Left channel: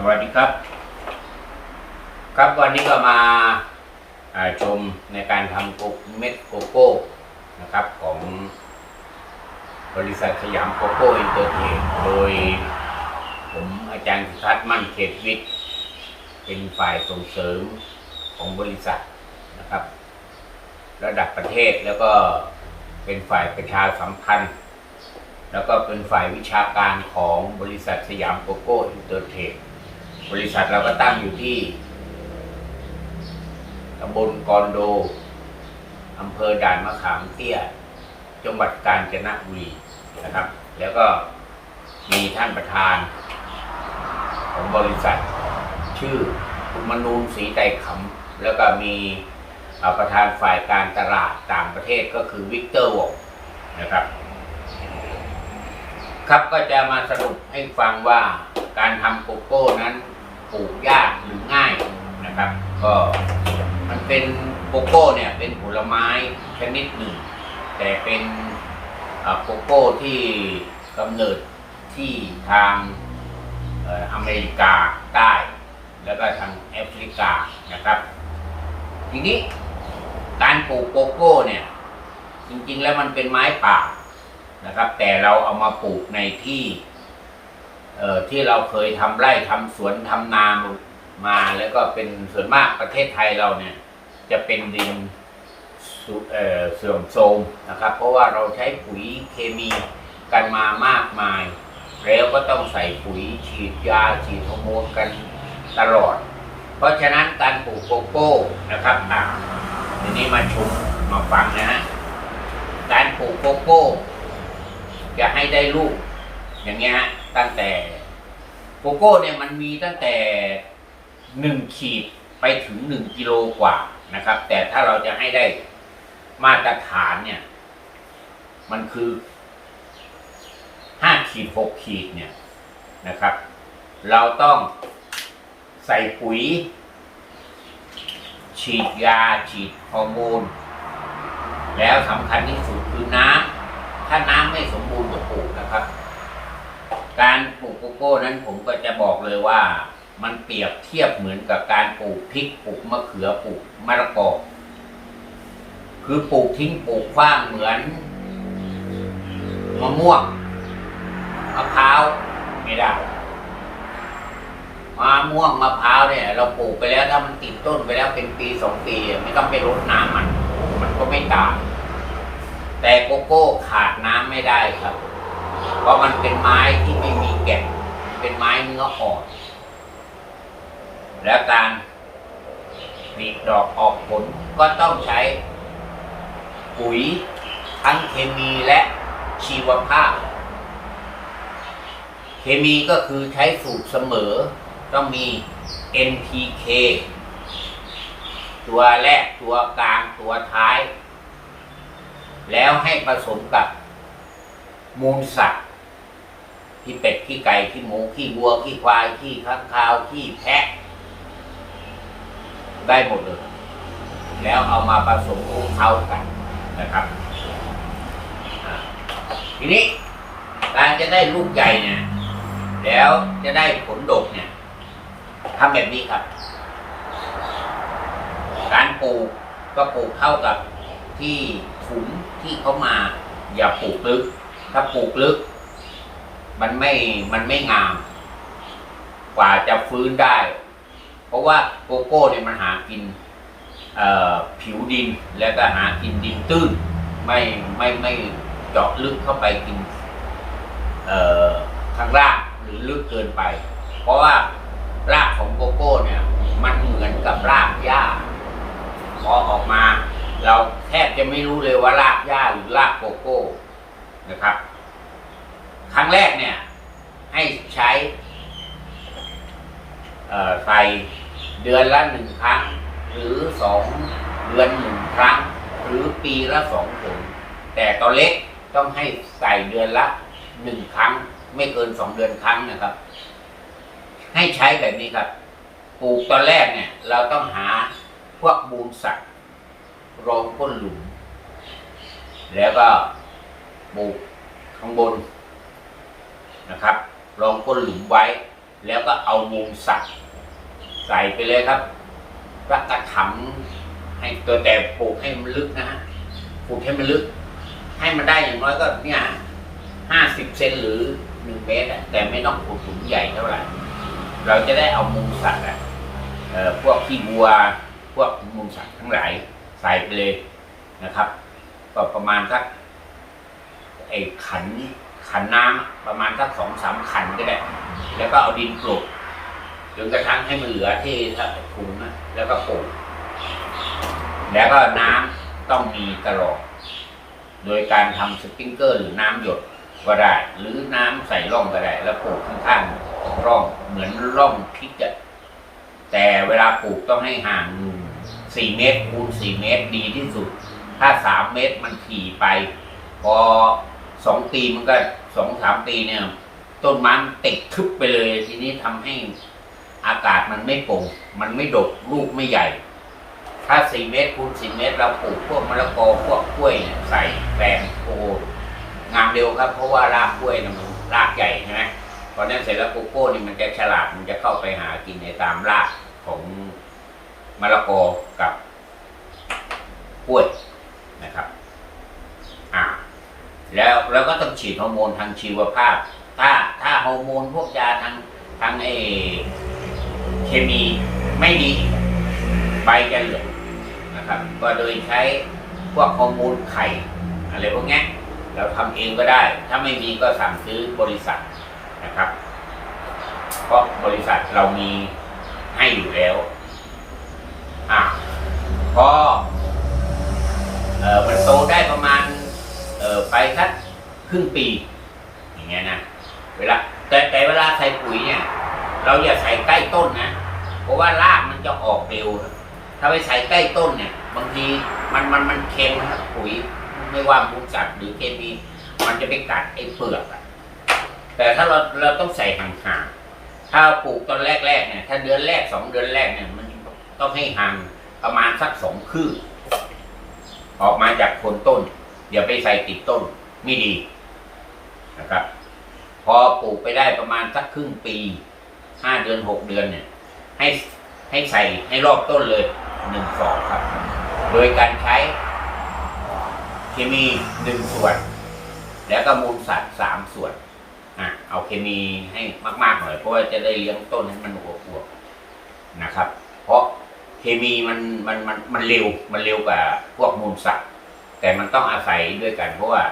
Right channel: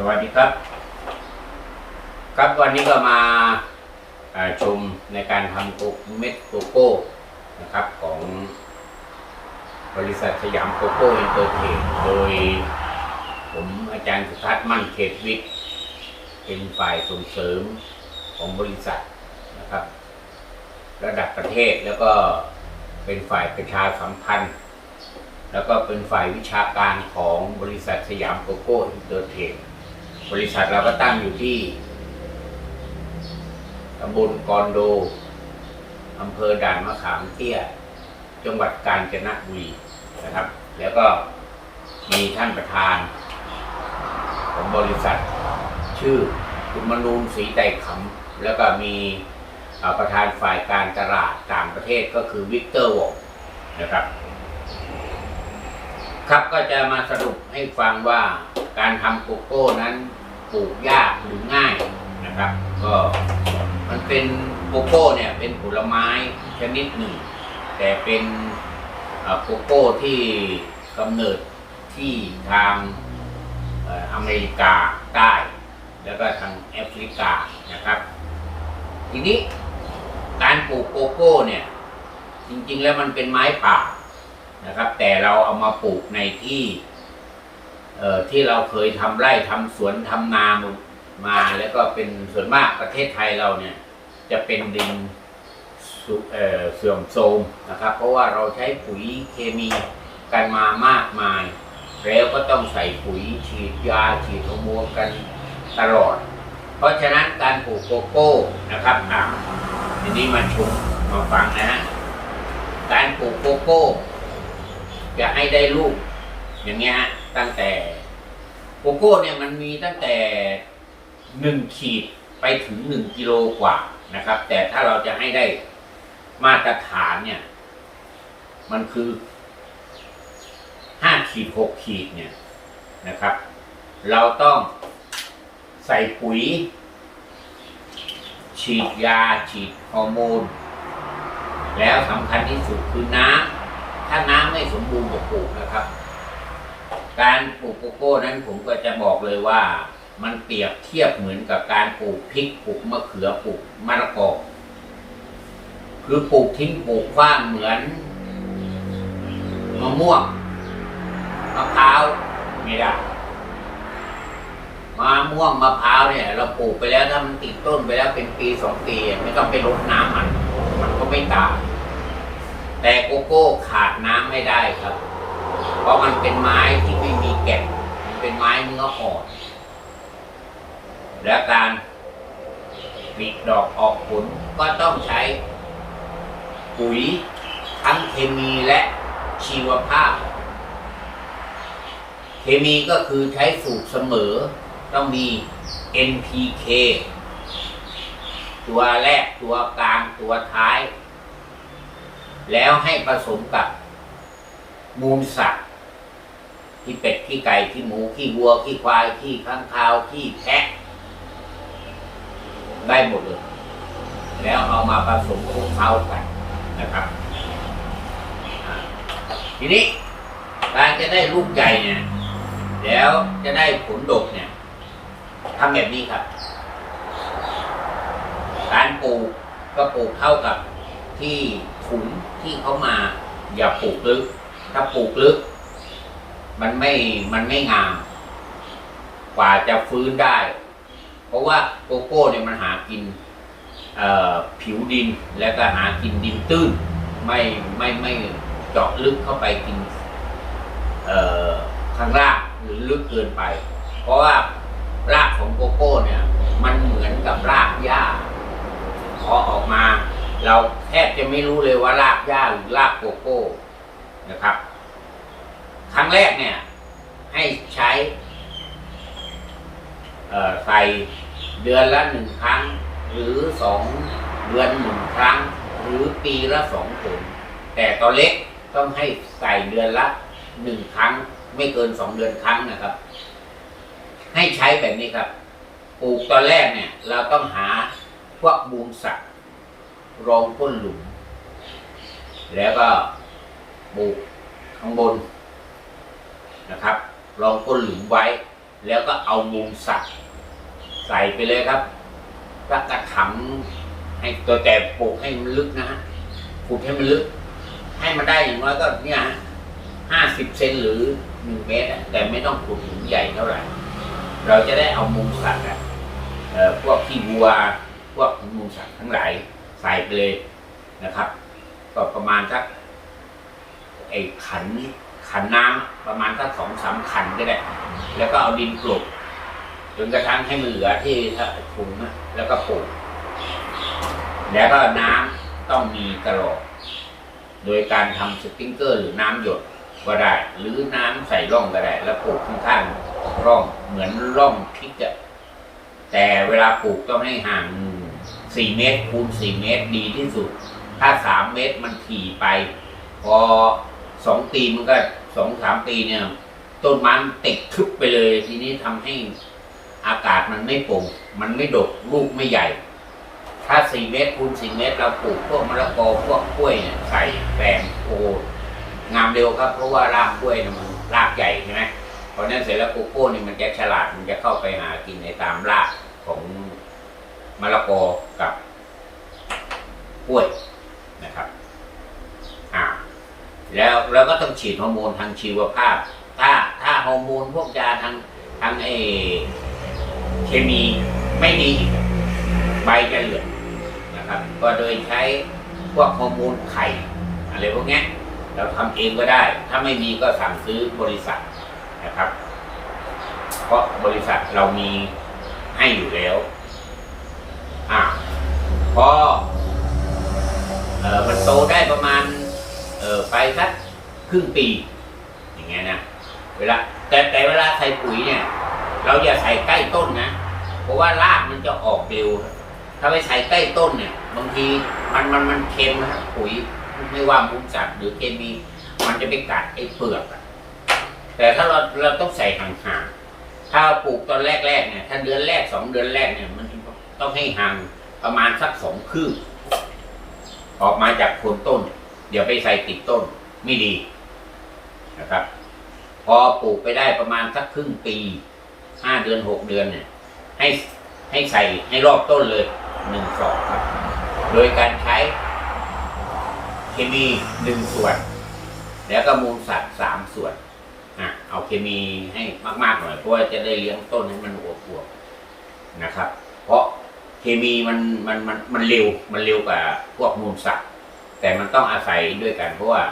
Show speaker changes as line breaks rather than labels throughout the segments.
สวัสดีครับ ครับวันนี้ก็มาาชมในการทำโกเม็ดโกโก้นะครับของบริษัทสยามโกโก้อินเตอร์เทรดโดยผมอาจารย์สุทัศน์มั่นเขตวิทย์เป็นฝ่ายส่งเสริมของบริษัทนะครับ ระดับประเทศแล้วก็เป็นฝ่ายประชาสัมพันธ์ แล้วก็เป็นฝ่ายวิชาการของบริษัทสยามโกโก้อินเตอร์เทรด บริษัทเราก็ตั้งอยู่ที่ตำบลกอนโดอำเภอด่านมะขามเตี้ย จังหวัดกาญจนบุรีนะครับ แล้วก็มีท่านประธาน ของบริษัท ชื่อคุณมนูนศรีใจขำแล้วก็มีประธานฝ่ายการตลาดต่างประเทศก็คือวิกเตอร์วองนะครับ ครับก็จะมาสรุปให้ฟังว่าการทำโกโก้นั้น ปลูกยากหรือง่ายนะครับ ก็มันเป็นโกโก้เนี่ยเป็นผลไม้ชนิดหนึ่ง แต่เป็นโกโก้ที่กำเนิดที่ทางเอออเมริกาใต้ แล้วก็ทางแอฟริกานะครับ ทีนี้การปลูกโกโก้เนี่ยจริงๆแล้วมันเป็นไม้ป่านะครับ แต่เราเอามาปลูกในที่ ที่เราเคยทำไร่ทำสวนทำนามาแล้วก็เป็นส่วนมากประเทศไทยเราเนี่ย จะเป็นดินเเสื่อมโทรมนะครับ เพราะว่าเราใช้ปุ๋ยเคมีกันมามากมาย แล้วก็ต้องใส่ปุ๋ยฉีดยาฉีดฮอร์โมนกันตลอด เพราะฉะนั้นการปลูกโกโก้นะครับอ่าทีนี้มาชมมาฟังนะฮะการปลูกโกโก้ จะให้ได้ลูกอย่างเงี้ยฮะ ตั้งแต่โกโก้เนี่ยมันมีตั้งแต่หนึ่งขีดไปถึงหนึ่งกิโลกว่านะครับ แต่ถ้าเราจะให้ได้มาตรฐานเนี่ย มันคือห้าขีดหกขีดเนี่ยนะครับ เราต้องใส่ปุ๋ย ฉีดยา ฉีดฮอร์โมน แล้วสำคัญที่สุดคือน้ำถ้าน้ำไม่สมบูรณ์กับปลูกนะครับ การปลูกโกโก้นั้นผมก็จะบอกเลยว่า มันเปรียบเทียบเหมือนกับการปลูกพริกปลูกมะเขือปลูกมะละกอคือปลูกทิ้งปลูกขว้างเหมือนมะม่วงมะพร้าวไม่ได้มะม่วงมะพร้าวเนี่ย เราปลูกไปแล้วถ้ามันติดต้นไปแล้วเป็นปีสองปีไม่ต้องไปรดน้ำมัน มันก็ไม่ตายแต่โกโก้ขาดน้ำไม่ได้ครับ ราะมันเป็นไม้ที่ไม่มีแก่นเป็นไม้เนื้ออ่อนและการผลิดอกออกผลก็ต้องใช้ปุ๋ยทั้งเคมีและชีวภาพ เคมีก็คือใช้สูตรเสมอ ต้องมี NPK ตัวแรกตัวกลางตัวท้าย แล้วให้ผสมกับมูลสัตว์ ที่เป็ดขี้ไก่ขี้หมูขี้วัวขี้ควายขี้ข้างคาวขี้แพะ ได้หมดเลย แล้วเอามาผสมคลุกเข้ากันนะครับอ่าทีนี้การจะได้ลูกใหญ่เนี่ย แล้วจะได้ผลดกเนี่ยทำแบบนี้ครับ การปลูกก็ปลูกเท่ากับที่ถุงที่เขามา อย่าปลูกลึก ถ้าปลูกลึก มันไม่มันไม่งาม กว่าจะฟื้นได้ เพราะว่าโกโก้เนี่ยมันหากินผิวดินแล้วก็หากินดินตื้น ไม่ไม่ไม่เจาะลึกเข้าไปกินทางรากหรือลึกเกินไป เพราะว่ารากของโกโก้เนี่ย มันเหมือนกับรากหญ้าพอออกมา เราแทบจะไม่รู้เลยว่ารากหญ้าหรือรากโกโก้นะครับ ครั้งแรกเนี่ย ให้ใช้ใส่เดือนละหนึ่งครั้ง หรือสองเดือนหนึ่งครั้ง หรือปีละสองผลแต่ตัวเล็กต้องให้ใส่เดือนละหนึ่งครั้ง ไม่เกินสองเดือนครั้งนะครับ ให้ใช้แบบนี้ครับปลูกตอนแรกเนี่ย เราต้องหาพวกมูลสัตว์รองก้นหลุม แล้วก็ปลูกข้างบน นะครับรองก้นหลุมไว้ แล้วก็เอามุงสักใส่ไปเลยครับรักกระถังให้ตัวแต่ปลูกให้มันลึกนะฮะปลูกให้มันลึก ให้มันได้อย่างน้อยก็เนี่ยห้าสิบเซนหรือหนึ่งเมตรแต่ไม่ต้องปลูกถุงใหญ่เท่าไหร่ เราจะได้เอามุงสัตว์อะเอ่อพวกขี้วัว พวกมุงสัตว์ทั้งหลายใส่ไปเลยนะครับ ก็ประมาณสักไอ้ขัน ขันน้ำอะประมาณสักสองสามขันก็ได้ แล้วก็เอาดินปลูกจนกระทั่งให้มันเหลือที่ถ้าถุงนะแล้วก็ปลูกแล้วก็น้ำต้องมีตลอดโดยการทำสปริงเกอร์หรือน้ำหยดก็ได้ หรือน้ำใส่ร่องก็ได้ แล้วปลูกข้างๆร่องเหมือนร่องพริกอะแต่เวลาปลูกต้องให้ห่างสี่เมตรคูณสี่เมตรดีที่สุด ถ้าสามเมตรมันถี่ไป พอสองปีมันก็ สองสามปีเนี่ย ต้นไมันติดทึบไปเลย ทีนี้ทำให้อากาศมันไม่โปร่งมันไม่ดกลูกไม่ใหญ่ ถ้าสี่เมตรคูณสี่เมตร เราปลูกพวกมะละกอพวกกล้วยเนี่ยใส่แปลงโองามเร็วครับ เพราะว่ารากกล้วยเนี่ยมันรากใหญ่ใช่ไหมพอนั้นเสร็จแล้วโกโก้นี่มันจะฉลาดมันจะเข้าไปหากินในตามรากของมะละกอกับกล้วยนะครับ แล้วเราก็ต้องฉีดฮอร์โมนทางชีวภาพ ถ้าถ้าฮอร์โมนพวกยาทางทางไอเคมีไม่ดี ใบจะเหลืองนะครับ ก็โดยใช้พวกฮอร์โมนไข่อะไรพวกนี้เราทำเองก็ได้ ถ้าไม่มีก็สั่งซื้อบริษัทนะครับ เพราะบริษัทเรามีให้อยู่แล้วอะพอเออมันโตได้ประมาณ ออไปสักครึ่งปี อย่างเงี้ยนะเวลาแต่แต่เวลาใส่ปุ๋ยเนี่ย เราอย่าใส่ใกล้ต้นนะ เพราะว่ารากมันจะออกเร็ว ถ้าไปใส่ใกล้ต้นเนี่ย บางทีมันมันมันเค็มนะปุ๋ยไม่ว่ามุกสัตว์หรือเคมี มันจะไปกัดไอ้เปลือกอะแต่ถ้าเราเราต้องใส่ห่างๆ ถ้าปลูกตอนแรกๆเนี่ย ถ้าเดือนแรกสองเดือนแรกเนี่ย มันต้องให้ห่างประมาณสักสองคืบออกมาจากโคนต้น อย่าไปใส่ติดต้นไม่ดีนะครับ พอปลูกไปได้ประมาณสักครึ่งปีห้าเดือนหกเดือนเนี่ย ให้ให้ใส่ให้รอบต้นเลยหนึ่งสองครับ โดยการใช้เคมีหนึ่งส่วน แล้วก็มูลสัตว์สามส่วนอะเอาเคมีให้มากๆหน่อยเพราะว่าจะได้เลี้ยงต้นให้มันอวบๆนะครับ เพราะเคมีมันมันมันมันเร็วมันเร็วกว่าพวกมูลสัตว์ แต่มันต้องอาศัยด้วยกันเพราะว่า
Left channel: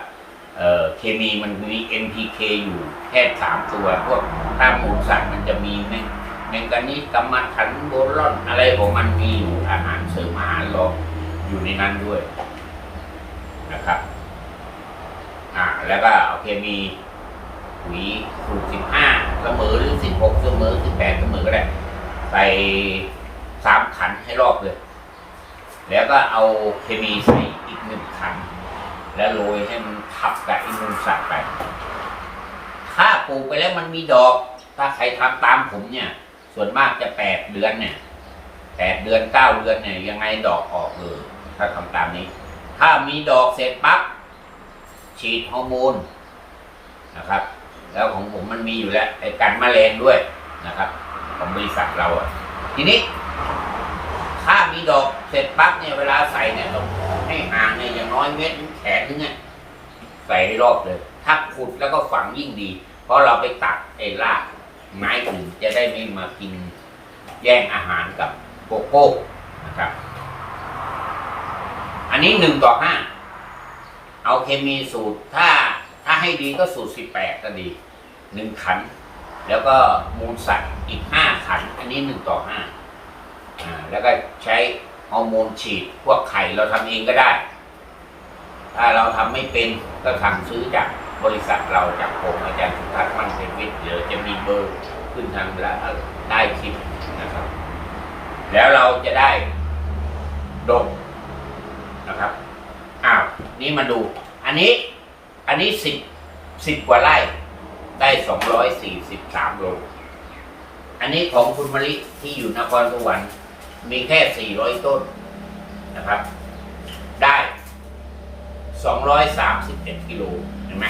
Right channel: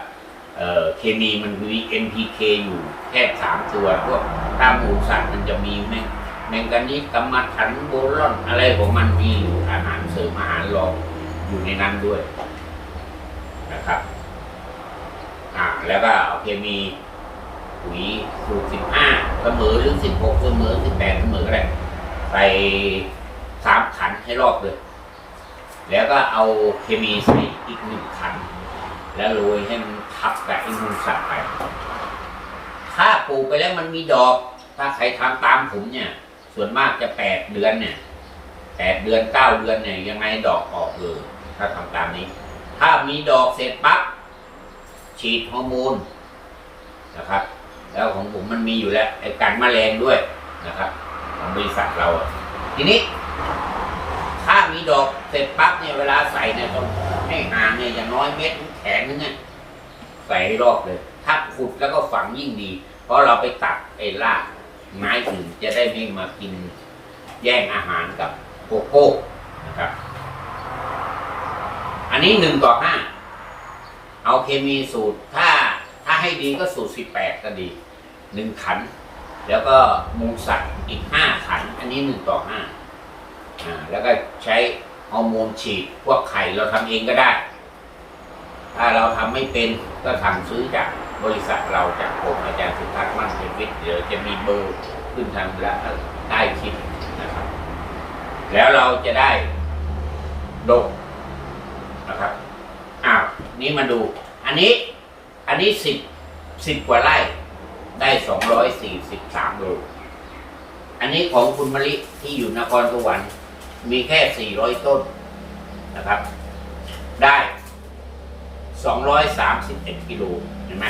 เเคมีมันมี NPK อยู่แค่สามตัว พวกตามมูลสัตว์มันจะมีแมงแมงกานีสกัมมันถันโบรอน อะไรของมันมีอยู่อาหารเสริมอาหารรองอยู่ในนั้นด้วยนะครับอ่าแล้วก็เอาเคมีปุ๋ยสูตรสิบห้าเสมอหรือสิบหกเสมอสิบแปดเสมอก็ได้ใส่สามขันให้รอบเลย แล้วก็เอาเคมีใส่อีกหนึ่งขัน แล้วโรยให้มันทับกับไอ้มูลสัตว์ไป ถ้าปลูกไปแล้วมันมีดอก ถ้าใครทำตามผมเนี่ย ส่วนมากจะแปดเดือนเนี่ยแปดเดือนเก้าเดือนเนี่ยยังไงดอกออกเลย ถ้าทำตามนี้ ถ้ามีดอกเสร็จปั๊บฉีดฮอร์โมนนะครับ แล้วของผมมันมีอยู่แล้วไอ้กันแมลงด้วยนะครับ ของบริษัทเราอะทีนี้ มีดอกเสร็จปั๊บเนี่ยเวลาใส่เนี่ยต้องให้ห่างเนี่ยอย่างน้อยเม็ดแขนนึงเนี่ยใส่ให้รอบเลย ถ้าขุดแล้วก็ฝังยิ่งดี เพราะเราไปตัดไอ้รากไม้อื่นจะได้ไม่มากินแย่งอาหารกับโกโก้นะครับ อันนี้หนึ่งต่อห้าเอาเคมีสูตรถ้าถ้าให้ดีก็สูตรสิบแปดก็ดีหนึ่งขัน แล้วก็มูลสัตว์อีกห้าขัน อันนี้หนึ่งต่อห้า อ่าแล้วก็ใช้ฮอร์โมนฉีดพวกไข่เราทำเองก็ได้ ถ้าเราทำไม่เป็นก็สั่งซื้อจากบริษัทเราจากผมอาจารย์สุทัศน์มั่งเทวิทย์เดี๋ยวจะมีเบอร์ขึ้นทางแล้วได้คลิปนะครับ แล้วเราจะได้ดกนะครับอ้าวนี่มาดู อันนี้อันนี้สิบสิบกว่าไร่ได้สองร้อยสี่สิบสามโลอันนี้ของคุณมะลิที่อยู่นครสวรรค์ มีแค่ 400 ต้นนะครับ ได้ 231 กิโลเห็นไหม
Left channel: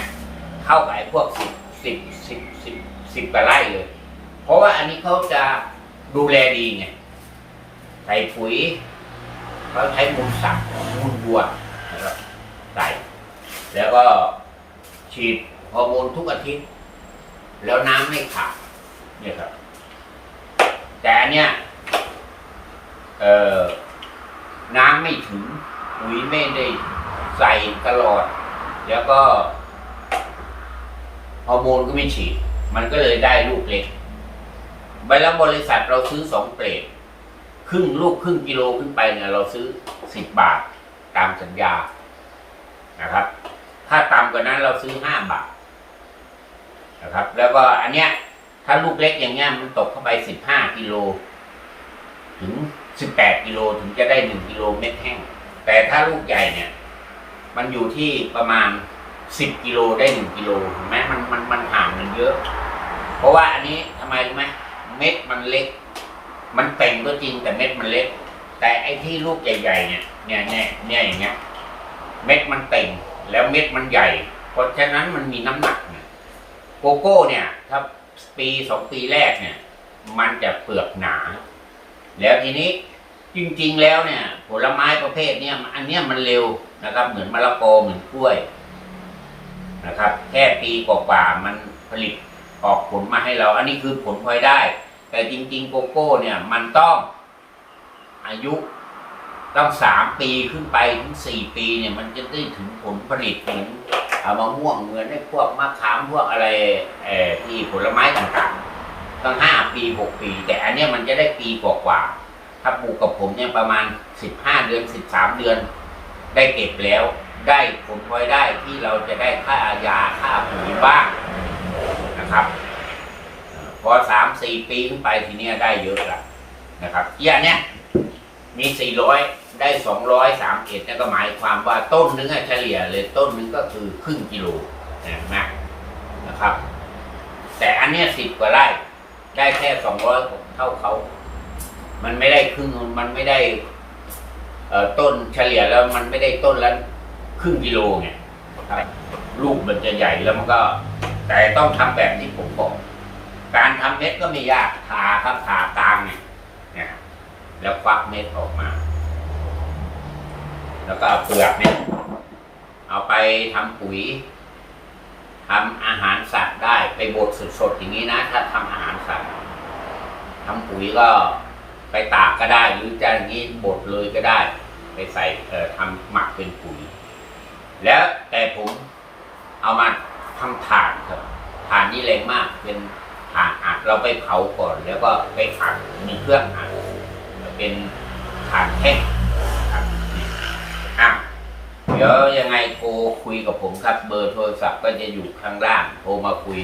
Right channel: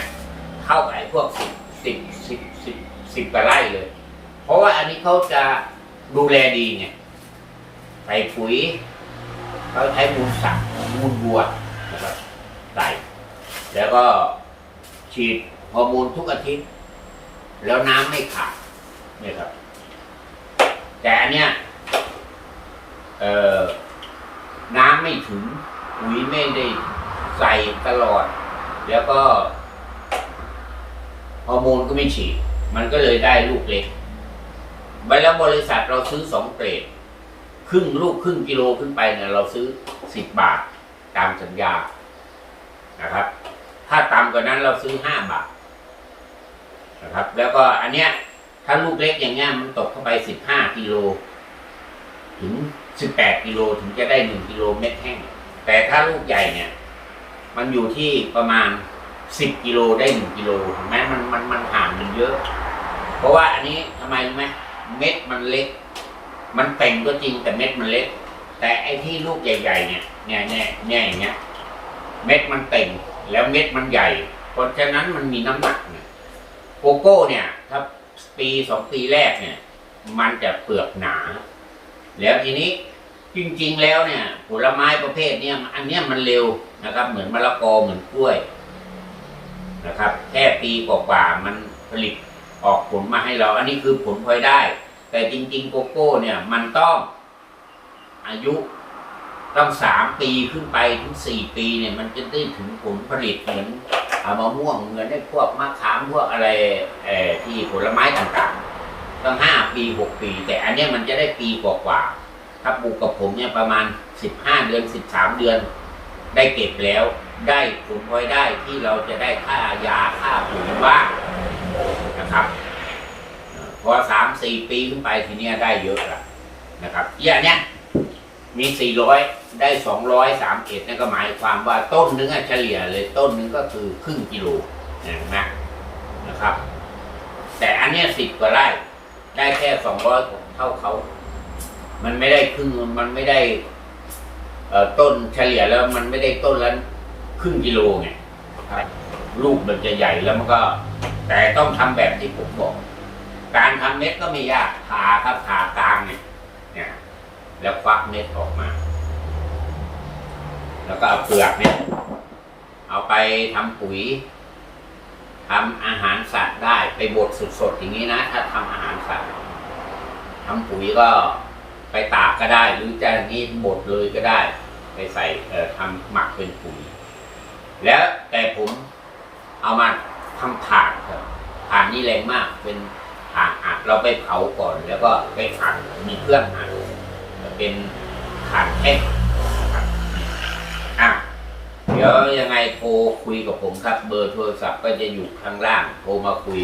เท่ากับไอ้พวก10 10 10 10 10กว่าไร่เลย เพราะว่าอันนี้เขาจะดูแลดีไงใส่ปุ๋ยเขาใช้มูลสัตว์มูลวัวนะครับใส่แล้วก็ฉีดฮอร์โมนทุกอาทิตย์ แล้วน้ำไม่ขาดนี่ครับ แต่เนี้ย เอ่อน้ำไม่ถึงปุ๋ยไม่ได้ใส่ตลอด แล้วก็ฮอร์โมนก็ไม่ฉีด มันก็เลยได้ลูกเล็กไปแล้วบริษัทเราซื้อสองเกรดครึ่งลูกครึ่งกิโลขึ้นไปเนี่ยเราซื้อสิบบาทตามสัญญานะครับ ถ้าต่ำกว่านั้นเราซื้อห้าบาทนะครับ แล้วก็อันเนี้ยถ้าลูกเล็กอย่างเงี้ยมันตกเข้าไปสิบห้ากิโลถึง สิบแปดกิโลถึงจะได้หนึ่งกิโลเม็ดแห้ง แต่ถ้าลูกใหญ่เนี่ย มันอยู่ที่ประมาณสิบกิโลได้หนึ่งกิโลเห็นไหมมันมันมันห่างกันเยอะ เพราะว่าอันนี้ทำไมรู้ไหมเม็ดมันเล็ก มันเต่งก็จริงแต่เม็ดมันเล็ก แต่ไอ้ที่ลูกใหญ่ๆเนี่ยเนี่ยเนี่ยเนี่ยอย่างเงี้ยเม็ดมันเต่งแล้วเม็ดมันใหญ่ เพราะฉะนั้นมันมีน้ำหนักเนี่ยโกโก้เนี่ย ถ้าปีสองปีแรกเนี่ย มันจะเปลือกหนา แล้วทีนี้จริงๆแล้วเนี่ย ผลไม้ประเภทเนี่ยอันเนี้ยมันเร็วนะครับ เหมือนมะละกอเหมือนกล้วยนะครับ แค่ปีกว่าๆมันผลิตออกผลมาให้เรา อันนี้คือผลพลอยได้ แต่จริง ๆ โกโก้เนี่ย มันต้องอายุต้องสามปีขึ้นไปถึงสี่ปีเนี่ย มันจะได้ถึงผลผลิตเหมือนเอามะม่วงเหมือนไอ้พวกมะขามพวกอะไรที่ผลไม้ต่างๆ ตั้งห้าปีหกปี แต่อันเนี้ยมันจะได้ปีกว่าๆถ้าปลูกกับผมเนี่ยประมาณสิบห้าเดือนสิบสามเดือน ได้เก็บแล้ว ได้ผลพลอยได้ที่เราจะได้ค่ายาค่าปุ๋ยบ้างนะครับพอสามสี่ปีขึ้นไปทีเนี้ยได้เยอะละนะครับอย่างเนี้ยมีสี่ร้อยได้สองร้อยสามเอ็ดนั่นก็หมายความว่าต้นนึงอะเฉลี่ยเลยต้นนึงก็คือครึ่งกิโลเห็นไหมนะครับ แต่อันเนี้ยสิบกว่าไร่ ได้แค่สองร้อยเท่าเขา มันไม่ได้ครึ่งมันไม่ได้เอ่อต้นเฉลี่ยแล้วมันไม่ได้ต้นละครึ่งกิโลไงลูกมันจะใหญ่แล้วมันก็ แต่ต้องทำแบบที่ผมบอก การทำเม็ดก็ไม่ยากผ่าครับผ่ากลางเนี่ยนี่ยแล้วควักเม็ดออกมา แล้วก็เอาเปลือกเนี่ย เอาไปทำปุ๋ย ทำอาหารสัตว์ได้ไปบดสดๆอย่างนี้นะ ถ้าทำอาหารสัตว์ทำปุ๋ยก็ไปตากก็ได้ หรือจะอย่างนี้บดเลยก็ได้ ไปใส่เอ่อทำหมักเป็นปุ๋ย แล้วแต่ผมเอามาทำถ่านครับถ่านนี่แรงมากเป็นถ่านอัดเราไปเผาก่อน แล้วก็ไปอัดมีเครื่องอัดเป็นฐานแท่ง เดี๋ยวยังไงโทรคุยกับผมครับ เบอร์โทรศัพท์ก็จะอยู่ข้างล่าง โทรมาคุย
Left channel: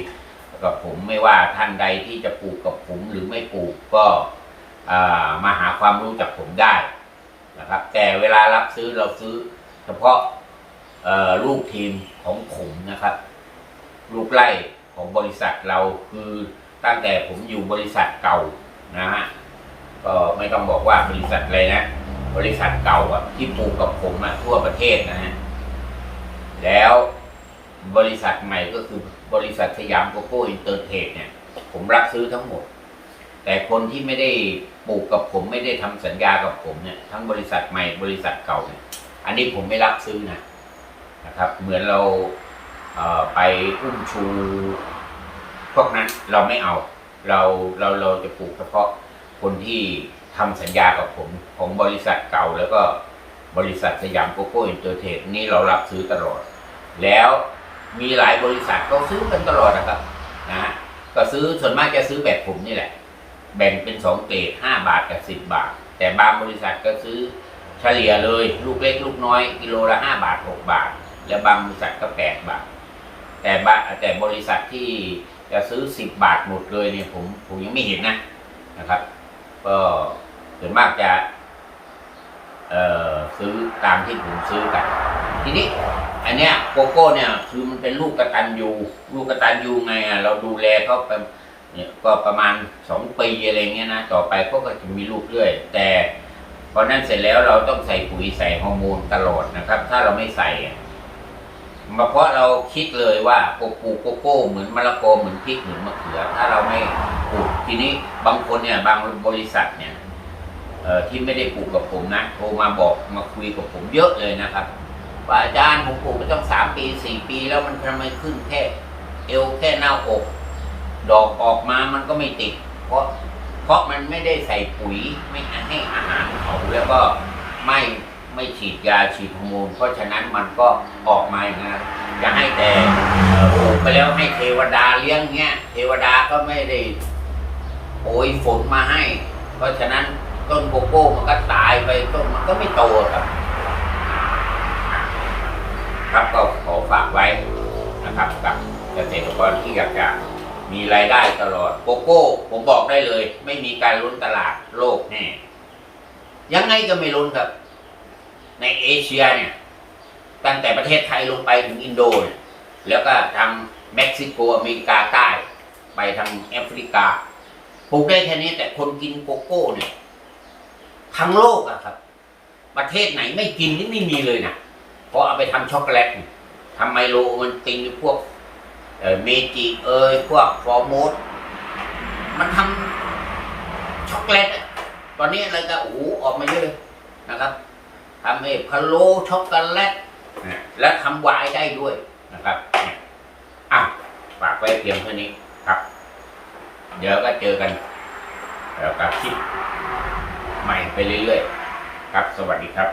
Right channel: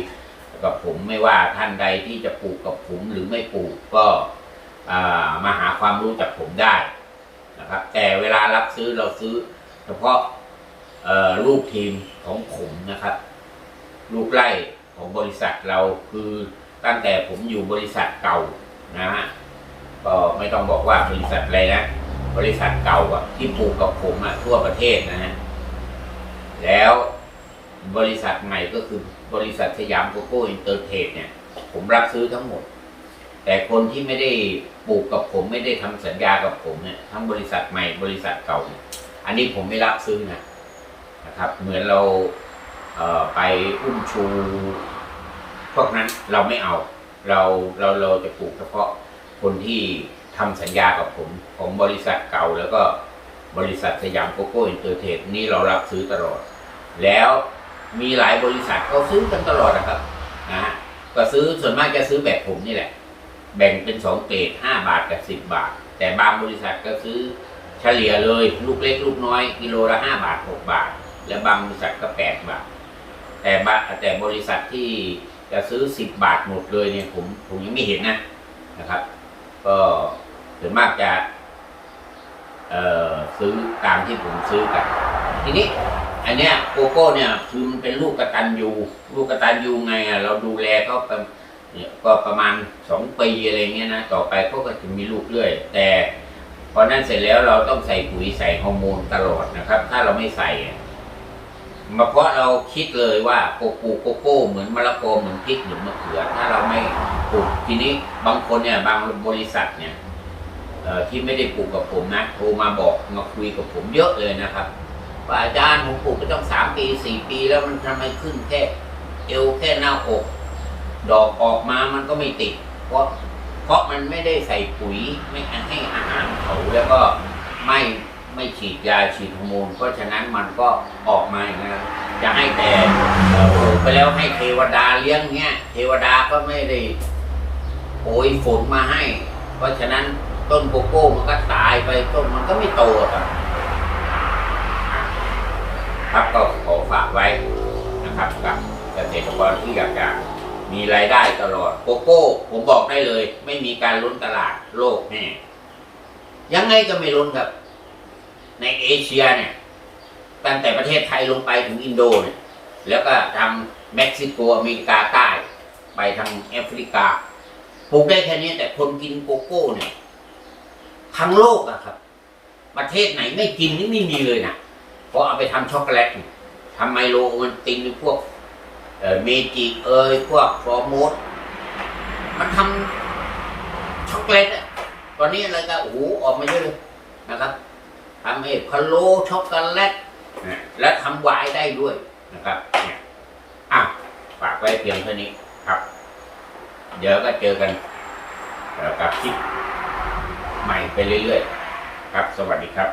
กับผมไม่ว่าท่านใดที่จะปลูกกับผมหรือไม่ปลูกก็มาหาความรู้จากผมได้นะครับ แต่เวลารับซื้อเราซื้อ เฉพาะลูกทีมของผมนะครับลูกไล่ของบริษัทเราคือตั้งแต่ผมอยู่บริษัทเก่านะฮะก็ไม่ต้องบอกว่าบริษัทอะไรนะ บริษัทเก่าอะที่ปลูกกับผมอะทั่วประเทศนะฮะแล้วบริษัทใหม่ก็คือบริษัทสยามโกโก้อินเตอร์เทรดเนี่ย ผมรับซื้อทั้งหมด แต่คนที่ไม่ได้ปลูกกับผมไม่ได้ทำสัญญากับผมเนี่ยทั้งบริษัทใหม่บริษัทเก่าเนี่ยอันนี้ผมไม่รับซื้อนะนะครับ เหมือนเราเไปอุ้มชูพวกนั้นเราไม่เอา เราเราเราจะปลูกเฉพาะคนที่ ทำสัญญากับผมของบริษัทเก่าแล้วก็บริษัทสยามโกโก้อินเตอร์เทรดนี่เรารับซื้อตลอด แล้วมีหลายบริษัทก็ซื้อกันตลอดนะครับนะฮะก็ซื้อส่วนมากจะซื้อแบบผมนี่แหละ แบ่งเป็นสองเกรดห้าบาทกับสิบบาท แต่บางบริษัทก็ซื้อเฉลี่ยเลย ลูกเล็กลูกน้อย กิโลละห้าบาทหกบาท แล้วบางบริษัทก็แปดบาท แต่บะแต่บริษัทที่จะซื้อสิบบาทหมดเลยเนี่ยผมผมยังไม่เห็นนะนะครับ ก็ ส่วนมากจะ เอ่อซื้อตามที่ผมซื้อกัน ทีนี้ อันเนี้ยโกโก้เนี่ย คือมันเป็นลูกกระตันยูลูกกระตันยูไงอะเราดูแลเขาไปเนี่ยก็ประมาณสองปีอะไรเงี้ยนะต่อไปเขาก็จะมีลูกเรื่อย แต่พอนั้นเสร็จแล้วเราต้องใส่ปุ๋ยใส่ฮอร์โมนตลอดนะครับ ถ้าเราไม่ใส่มาเพราะเราคิดเลยว่าโกโก้โกโก้ เหมือนมะละกอเหมือนพริกเหมือนมะเขือ ถ้าเราไม่ปลูกทีนี้บางคนเนี่ยบางบริษัทเนี่ย ที่ไม่ได้ปลูกกับผมนะโทรมาบอกมาคุยกับผมเยอะเลยนะครับว่าอาจารย์ผมปลูกไปต้องสามปีสี่ปี แล้วมันทำไมขึ้นแค่ เอวแค่หน้าอกดอกออกมามันก็ไม่ติด เพราะเพราะมันไม่ได้ใส่ปุ๋ยไม่ให้อาหารเขาแล้วก็ไม่ไม่ฉีดยาฉีดฮอร์โมนเพราะฉะนั้นมันก็ออกมาอย่างนั้นจะให้แต่ปลูกไปแล้วให้เทวดาเลี้ยงเงี้ย เทวดาก็ไม่ได้โปรยฝนมาให้ เพราะฉะนั้น ต้นโกโก้มันก็ตายไปต้นมันก็ไม่โตครับ ครับก็ขอฝากไว้นะครับกับเกษตรกรที่อยากจะมีรายได้ตลอดโกโก้ ผมบอกได้เลย ไม่มีการล้นตลาดโลกแน่ยังไงก็ไม่ล้นครับ ในเอเชียเนี่ย ตั้งแต่ประเทศไทยลงไปถึงอินโดเนี่ยแล้วก็ทางเม็กซิโกอเมริกาใต้ ไปทางแอฟริกาปลูกได้แค่นี้แต่คนกินโกโก้เนี่ย ทั้งโลกอะครับ ประเทศไหนไม่กินนี่ไม่มีเลยนะเพราะเอาไปทำช็อกโกแลตทำไมโลมันตินพวกเอเมจิเอยพวกฟอร์โมสมันทำช็อกโกแลตอะตอนนี้อะไรก็โอ้โหออกมาเยอะเลยนะครับทำเอพะโลช็อกโกแลตและทำไวายได้ด้วยนะครับเนี่ยอะฝากไว้เพียงเท่านี้ครับ เดี๋ยวก็เจอกันกับคลิป ใหม่ไปเรื่อยๆ ครับ สวัสดีครับ